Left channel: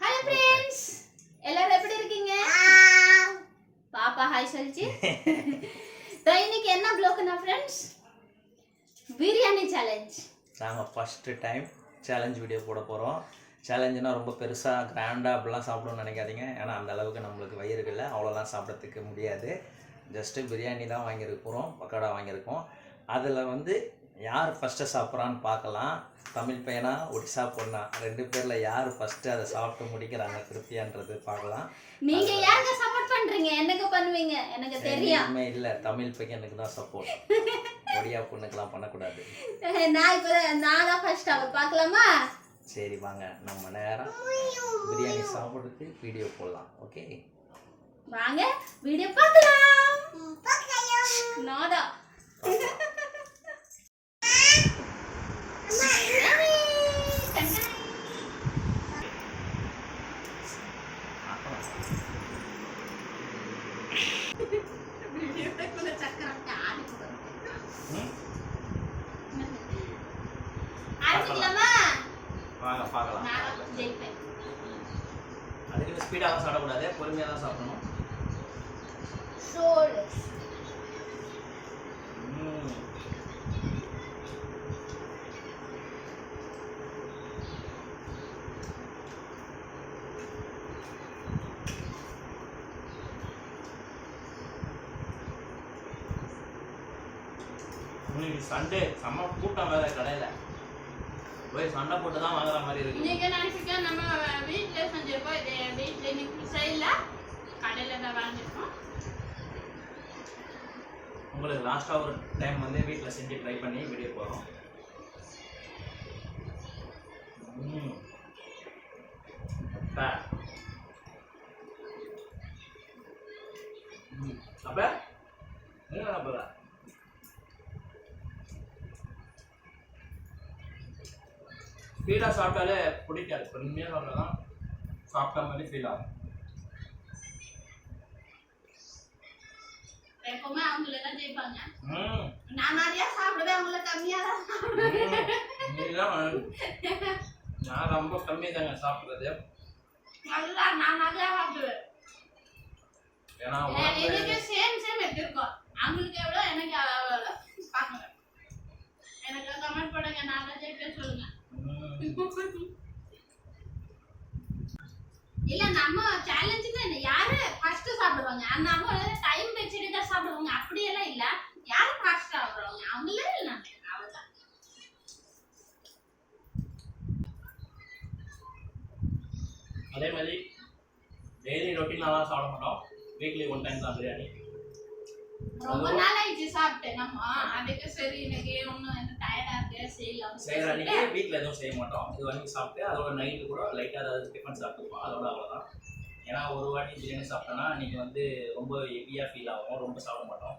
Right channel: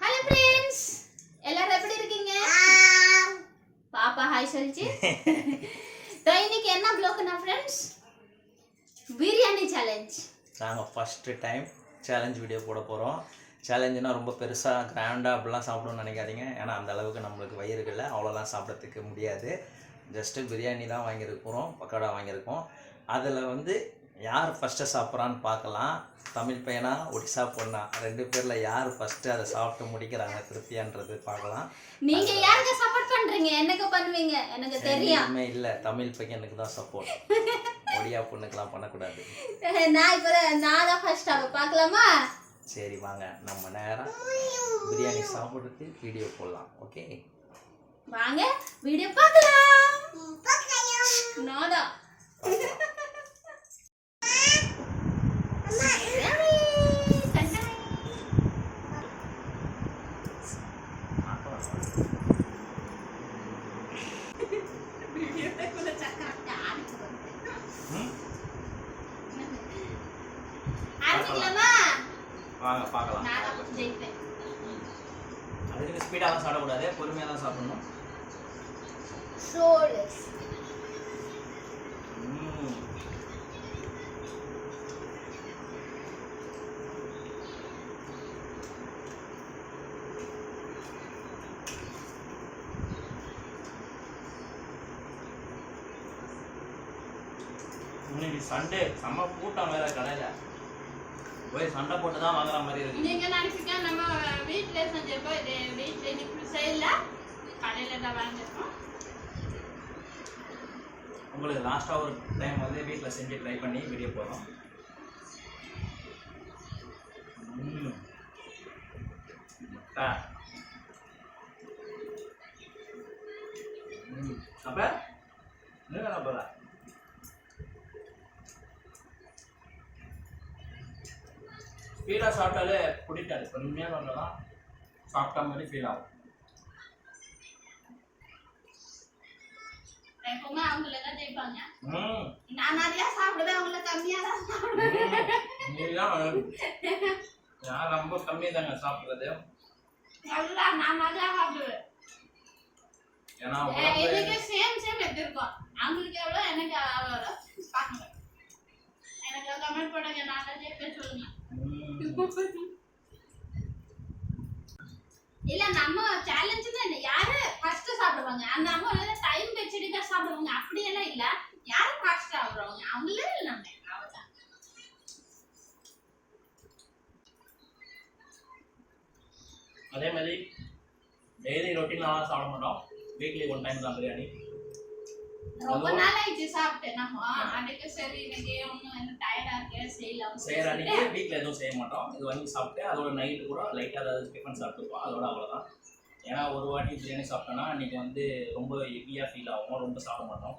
Hello friends, எல்லாரும் எப்படி இருக்கீங்க? பாப்பா ஹாய் சொல்லிச்சு. இன்னைக்கு என்ன ப்ளாக்னா ஃப்ரெண்ட்ஸ், பிரியாணி சேலஞ்ச். நாங்கள் ஃபஸ்ட்டு டைம் சேலஞ்ச் வீடியோ போட போகிறோம். சேலஞ்சுனா ரொம்ப பெருசாக கிராண்டாக அப்படிலாம் சாப்பிடணும்னு நினைக்காதீங்க. ஏன்னா அந்த அளவுக்கு நம்மளுக்கு வயிறுகளில் அவ்வளோலாம் சாப்பிட்றதுக்கு முடியாது. ஜஸ்ட்டு பிரியாணி தான் வாங்கியிருக்கிறோம், பக்கோடா வாங்கியிருக்கோம். அதில் வந்து யார் ஃபஸ்ட்டு சாப்பிட்றான்னு பார்க்கலாம். தமிழ் பையனா ஒடிசா பொண்ணா, ரெண்டு பேரில் யார் ஃபஸ்ட்டு அதை சாப்பிட்டு முடிக்கிறாங்க திருப்தியான்றது பார்க்கலாம். நீங்கள் யாருக்கு சப்போர்ட் பண்ணுறீங்க? எனக்கு பண்ணுவீங்க, எனக்கு தெரியும். இல்லை, தமிழ் பையனுக்கு தான் சப்போர்ட். ஒடியா பொண்ணுக்கெலாம் பண்ணக்கூடாது. நான் தான் ஃபர்ஸ்ட் பார்க்கலாமா? சரி வாங்க, நம்ம நேரம் பிரியாணி சாப்பிட்றதுக்கு வீடியோ போடலாம். ஓகே வாங்க வீடியோ பார்க்கலாம். நாடா வாங்க பார்க்கலாம். அதுக்கு ஸ்பீடாக தான் சாப்பிடக்கூடாது, பொறுமையாக தான் சாப்பிடணும். இன்னைக்கு சண்டே செம்ம கூட்டம் வேற, கடையில் போய் சண்டை போட்டு தான் வாங்குற மாதிரி இருக்கு. நீங்க நினைச்சீங்க நம்ம வீட்ல செஞ்சிருக்கோம், இது வீட்ல இன்னைக்கு செய்யல, கடையில தான் வாங்கிருக்கோம். உங்களுக்கு லாஸ்ட்டாக ஒரு டைம் வந்து வீட்டில் செஞ்சு ட்ரை பண்ணி வீடியோ போகிறோம். அப்போ அப்போ ஸ்பீடாக சாப்பிட்டாலே பிடிக்காது, பொறுமையாக சாப்பிட்டா தான் சாப்பிட்ட மாதிரி ஃபீல் ஆகும். எப்பவுமே அவங்கள தான் ஜெயிப்பாங்க. நான் நிறைய சாப்பிடுவேன், அவங்கள கம்மியாக தான் சாப்பிடுவேன். நான் ரொம்ப கம்மியாக தாங்க சாப்பிட்றது. நல்லா நான் நிறையா சாப்பிடுவேன். ஏன்னா இதுக்கு சேம் எப்படி இருக்கும், அவங்களுக்கு எவ்வளோ எனக்கு அவ்வளோ பார்க்கல. எனக்கு கமெண்ட் பண்ணுங்க, நான் தான் ஜெயிப்பேன் சொல்லுங்க. இல்ல நம்ம சேலஞ்சுன்னா என்ன, யாரு ஃபர்ஸ்ட் சாப்பிடுவாங்க அந்த நம்ம டைம் வச்சுட்டு தான் சாப்பிடுவாங்க, அப்படியெல்லாம் இல்ல. யாரு ஃபர்ஸ்ட் சாப்பிடுவாங்க அவங்களே இல்லைங்க, அவ்வளவுதான். அதே மாதிரி டெய்லி ரொட்டீனாலாம் சாப்பிட மாட்டோம், வீக்லி ஒன் டைம் தான் பிரியாணி. ரொம்ப நாள் ஆயிடுச்சு சாப்பிட்டு, நம்ம அதுக்கு சரி இன்னைக்கு ஒன்றும் என்ன டயர்டா இருக்கு செய்யலாம். செய்கிற அன்றைக்கி வீட்டில் எதுவும் செய்ய மாட்டோம், இது வாங்கி சாப்பிட்டு அதோட நைட்டு கூட லைட்டாக ஏதாவது டிஃபன் சாப்பிட்டுப்போம், அதோட அவ்வளோதான். ஏன்னா ஒரு வாட்டி பிரியாணி சாப்பிட்டோன்னா அன்றைக்கி வந்து ரொம்ப ஹெவியாக ஃபீல் ஆகும், ரொம்ப சாப்பிட மாட்டோம்.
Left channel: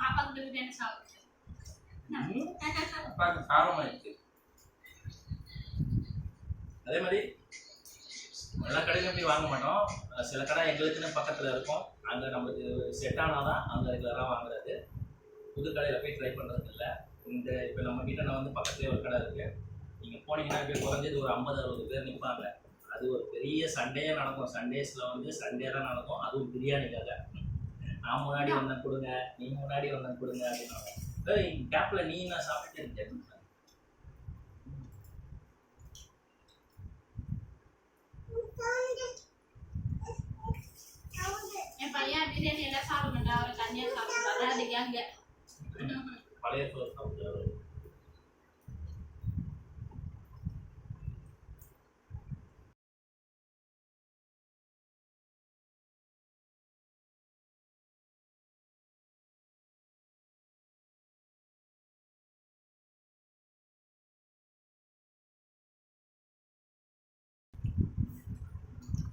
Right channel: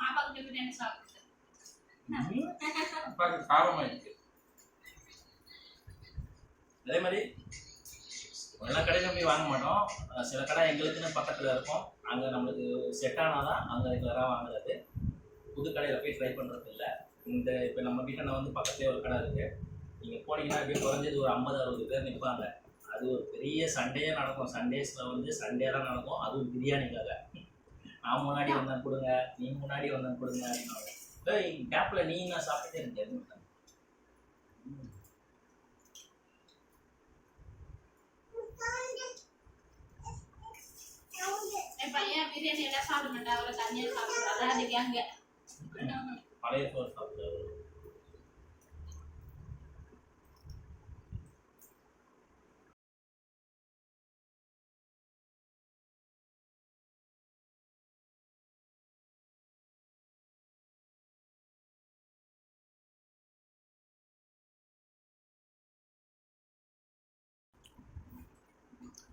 பாப்பாக்கு பிரியாணி சாப்பிட்டு அப்பாவுக்கு காரமாயிடுச்சு. அதே மாதிரி எல்லா கடையிலும் போய் வாங்க மாட்டோம், சில கடை எங்களுக்குன்னு பக்கத்தில் இருக்கும், அங்கே நம்மளுக்கு செட் ஆனால் தான் அங்கே ரெகுலராக வாங்குறது. புது கடையில் போய் ட்ரை பண்ணுறது இல்லை. இந்த இப்போ நம்ம வீட்டில் வந்து பக்கத்துலேயே ஒரு கடை இருக்குது, நீங்கள் போனீங்கன்னா அப்படியே குறைஞ்சது ஒரு 50-60 பேர் நிற்பாங்க. அது ஒரு பெரிய சண்டே நடக்கும், சண்டேஸில் வந்து சண்டே தான் நடக்கும், அதுவும் பிரியாணிக்காக. நான் முன்னாடி வந்தேன் கொடுங்க, நீ முன்னாடி வந்தேன் கொடுங்க அப்படின்னாங்க. கேப்பில் நீ நான் சாப்பிட்டுட்டே இருக்கேன். என் பையன் பிரியாணி எல்லாம் சாப்பிட மாட்டேன், அவரை தனியாக சாப்பிடுறாரு. அதுக்கு அங்கே பழைய சோறு சாப்பிடுறாரு.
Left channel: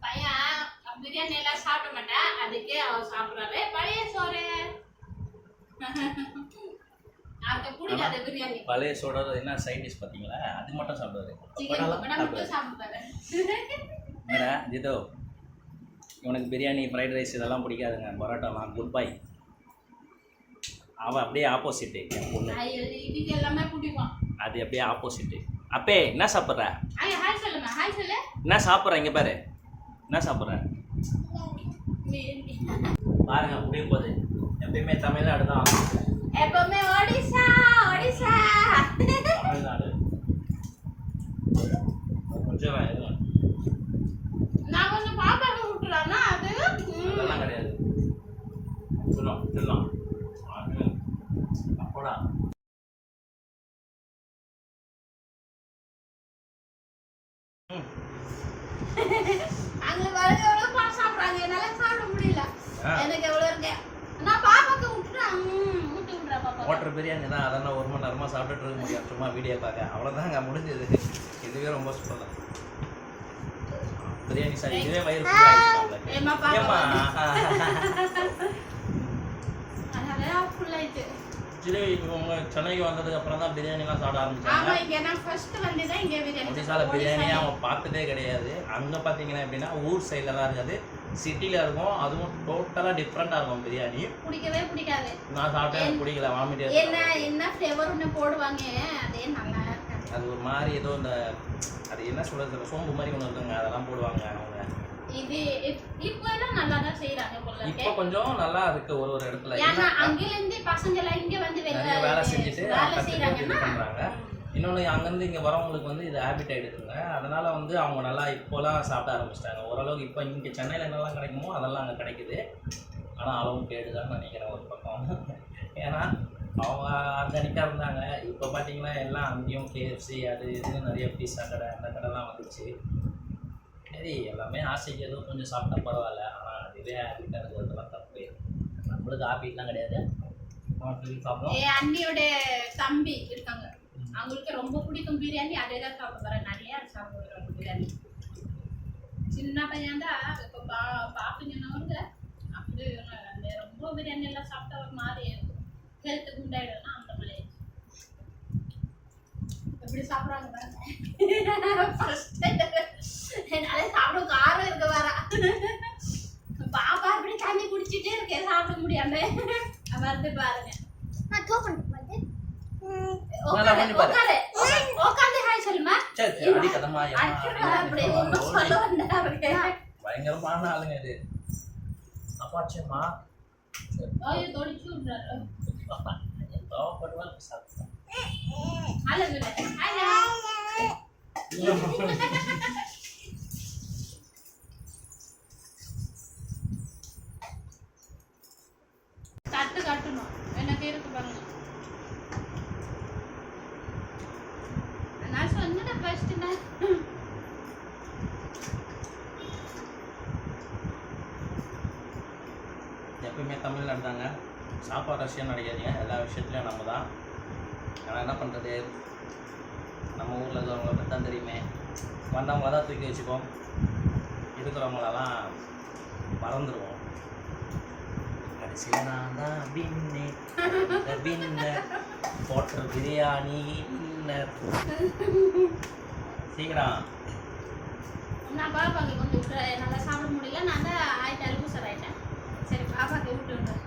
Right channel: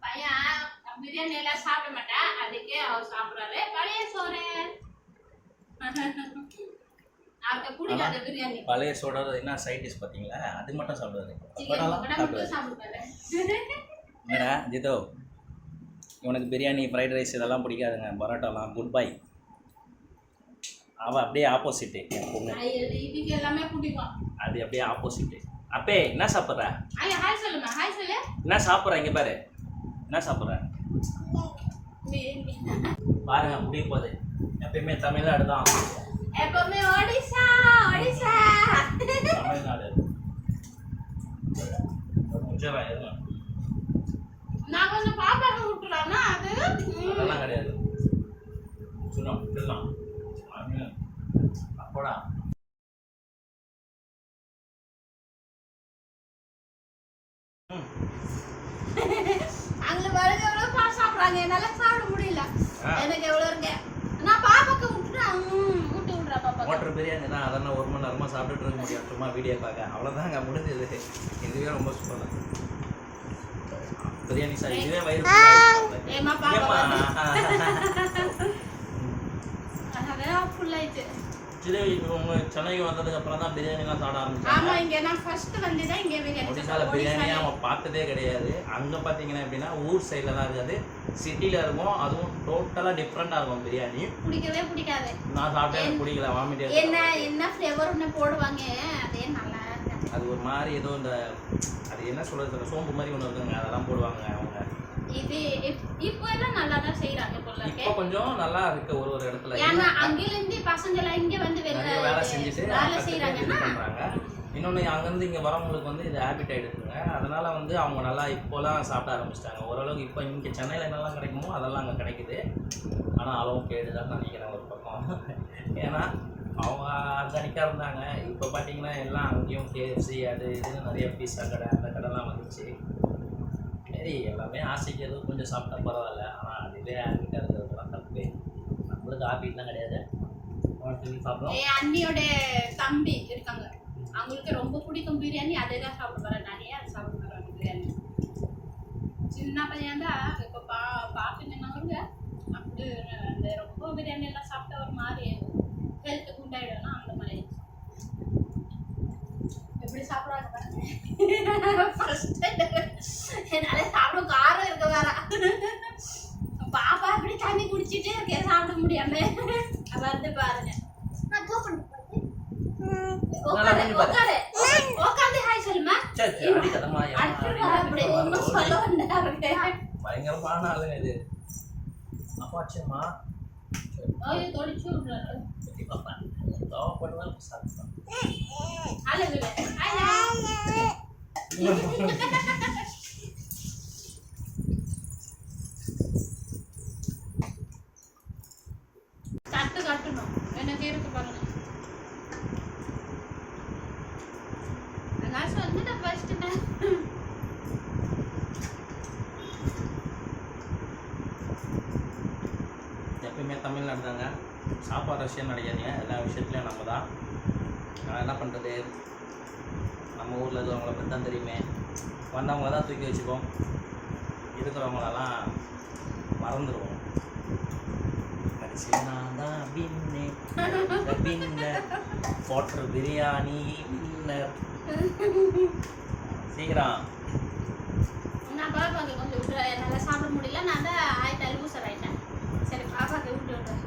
பையன் பிரியாணி எல்லாம் சாப்பிட மாட்டேன், அதுக்கே அவர் சாப்பிடுறாரு பழைய சோறு. பழைய சோடா என்ன சைட் டிஷ் பார்த்தீங்களா, அது மட்டும் சாப்பிடுவாரு. ஜிதோ, இவனுக்கு பிரியாணி ஃப்ரைட் ரைஸ் இதெல்லாம் பிடிக்காதுங்க, பரோட்டாலாம் குட் பை. அவள் அப்படியே ஆப்போசிட்டு என் பொண்ணு, எல்லாமே பிடிக்கும். அது அப்படியே ஆப்போசிட்டு. அப்பே என்ன சாப்பிட்ற? ஐயா ஹாய் சொல்லுமா, ஹாய் சொல்லு. என்ன சாப்பிட்ற? இங்கே பாரு, என்ன சாப்பிட்ற பாருங்க. முடிய போகுது. எப்பயுமே தமிழ்நாடு தான், எப்பவுமே ஒடிசா ஒடிசா. தமிழ்நாடு. கொஞ்சம் எதுவும் நான் கொஞ்சம் பாப்பாக்கு விட்டுறானா அது அதெல்லாம் கிடையாது. சொல்லலாம் அப்போடா. அங்க பாருங்க எவ்வளவு பால் சாப்பிடுறாங்க, என்னால சாப்பிட முடியல. எனக்கு எவ்வளவு இருக்கு, நான் பாப்பாக்கு விட்டுறேன். விட்டு விடுறா பாப்பா. ஹோட்டல் பிரியாணி தான், அதெல்லாம் 1 மணி நேரமாக சாப்பிட்டுட்டு இருக்க முடியும். சும்மா வீடியோ பார்க்க அவ்வளோதாங்க முடிஞ்சது. இதுவே ரொம்ப சூப்பர் தான் பிரியாணி. சார் இதுவே வயிறு ஏமா பாப்பா ஏம்மா ஃபுல் ஆயிடுச்சு. உங்க சென்னைக்கு வந்ததுக்கு அப்புறம் தான் பிரியாணிலாம் சாப்பிட ஆமா, ஆரம்பிச்சாங்க. இங்க நான் ஃபர்ஸ்ட் வந்து தான் இங்க ஒடிசால பிரியாணி அவன் பார்த்ததே கிடையாது. அங்கே பார்த்தீங்கன்னா எப்படின்னா ஊர் சைடில் தான் இருக்காது, சிட்டியில் இருக்கும். அதுவும் டோட்டலாக டிஃப்ரெண்டாக இருக்கும் பிரியாணி. பிடிக்கவே பிடிக்காது. நான் சாப்பிட்டேன், எனக்கு பிடிக்கல, வாமிட்டே என்ன ஃப்ளேவர் ஒன்று போடுவாங்க, அதே நல்லா இருக்காது. அது ஒரு மாதிரி ஏதோ இந்த அது என்ன சொல்றது, சோம்பு மாதிரி ஒன்று இருக்குங்க, அதெல்லாம் போடுவாங்க அவங்க. இது இப்போ எல்லாம் நல்லா தான் செய்யறாங்க போல இருக்கு. இப்போ கொஞ்சம் நல்லா இருக்கு ஒரு இடத்துல. ஏன்னா அங்கிருந்து பசங்க எல்லாம் இங்க வந்து நிறைய வேலை செஞ்சுட்டு கற்றுட்டு இது செய்யறாங்க. பண்ணுறாங்க. இன்னொன்று அங்கேருந்து இங்கே வரவங்களுக்கு வந்து இது ஹேபிட் ஆகிடுதுங்க. அதனால் வந்து அவங்க நல்லா இப்போலாம் சாப்பிட ஆரம்பிச்சிட்டாங்க ஓரளவுக்கு. இப்போ இங்கே சென்னையில் என்னெல்லாம் கிடைக்குமோ அதெல்லாம் அங்கே கிடைக்குது. ஆனால் அளவும் கேடுதான்னு நினைக்கிறேன் ஒரு பக்கம். ஏன்னா அவங்க ஆர்கானிக்காக இருந்தாங்க. இப்போ பார்த்தீங்கன்னா எல்லாம் அங்கேயும் கேஎஃப்சி அது இதுன்னு நிறைய பீஸா கடை அந்த கடைலாம் வந்துச்சு. சரி, எல்லாமே ஆசைக்கு ஏதோ கொஞ்சம் சாப்பிட்டா பரவாயில்ல. ஆனால் அதுவே ஹேபிட்டாக இருக்கிறதுலாம் தப்பு. நம்மளுக்கு ஹாபிட்லாம் கிடையாது. சாப்பிடுவோம். என் அண்ணியோட தம்பி இருக்காங்க, அவங்களுக்கு ரொம்ப பிடிக்கும் பிரியாணி. அதே தான் சாப்பிட வர, நிறைய சாப்பிட வராங்க பிரியாணி. சின்ன பையன் தான் இப்போ பார்ப்பீங்கன்னவங்க அப்படி அந்த ரொம்ப பிரியாணி எல்லாம் சாப்பிட்டா ஒரு மாதிரி ஹெல்த்து குண்டாயிடும்னா அந்த மாதிரி எப்படி சாப்பிட்றாங்க பாருங்க. என்னால சாப்பிட காரம் இருக்க வர பாப்பா அப்படி தண்ணி குடிச்சிட்டே இருக்கேன், சாப்பிட முடியாம வந்து பாருங்க. பயங்கரமான ஆளுங்க இது. அப்பாச்சம்மா தொடிச்சு விடுறாரு சாப்பிடுவான். தட்டு கட்டணும் எனக்கு இருக்கு பாருங்க. நான் சொன்னேன் ஃபர்ஸ்ட் எப்பயுமே தமிழ்நாடு தாங்க. சாப்பாடு ரஷ்யம் நினைக்காதீங்க, எல்லா விஷயத்துலையும் நம்ம தான். ஆனால் என்ன பண்ணுறது, நம்ம ஊரில் இருக்கிறவங்கள பற்றி தான் தெரியுமே. வந்தவங்கள தான் தூக்கி வச்சுப்போம், இருக்கிறவங்களெல்லாம் மறந்துடுவோம். கடைசியில் நான் தான் வின்னர் போட்டர் பிரியாணி வின்னர். சீக்கிரம் நான் பாப்பாக்கு கொஞ்சம் விட்டு என்னால் சாப்பிட முடியல. நான் தான் ஆயிட்டேன், லூசர் ஆயிட்டேன். சரி பாப்பாக்கு விட்டு விட்டேன்.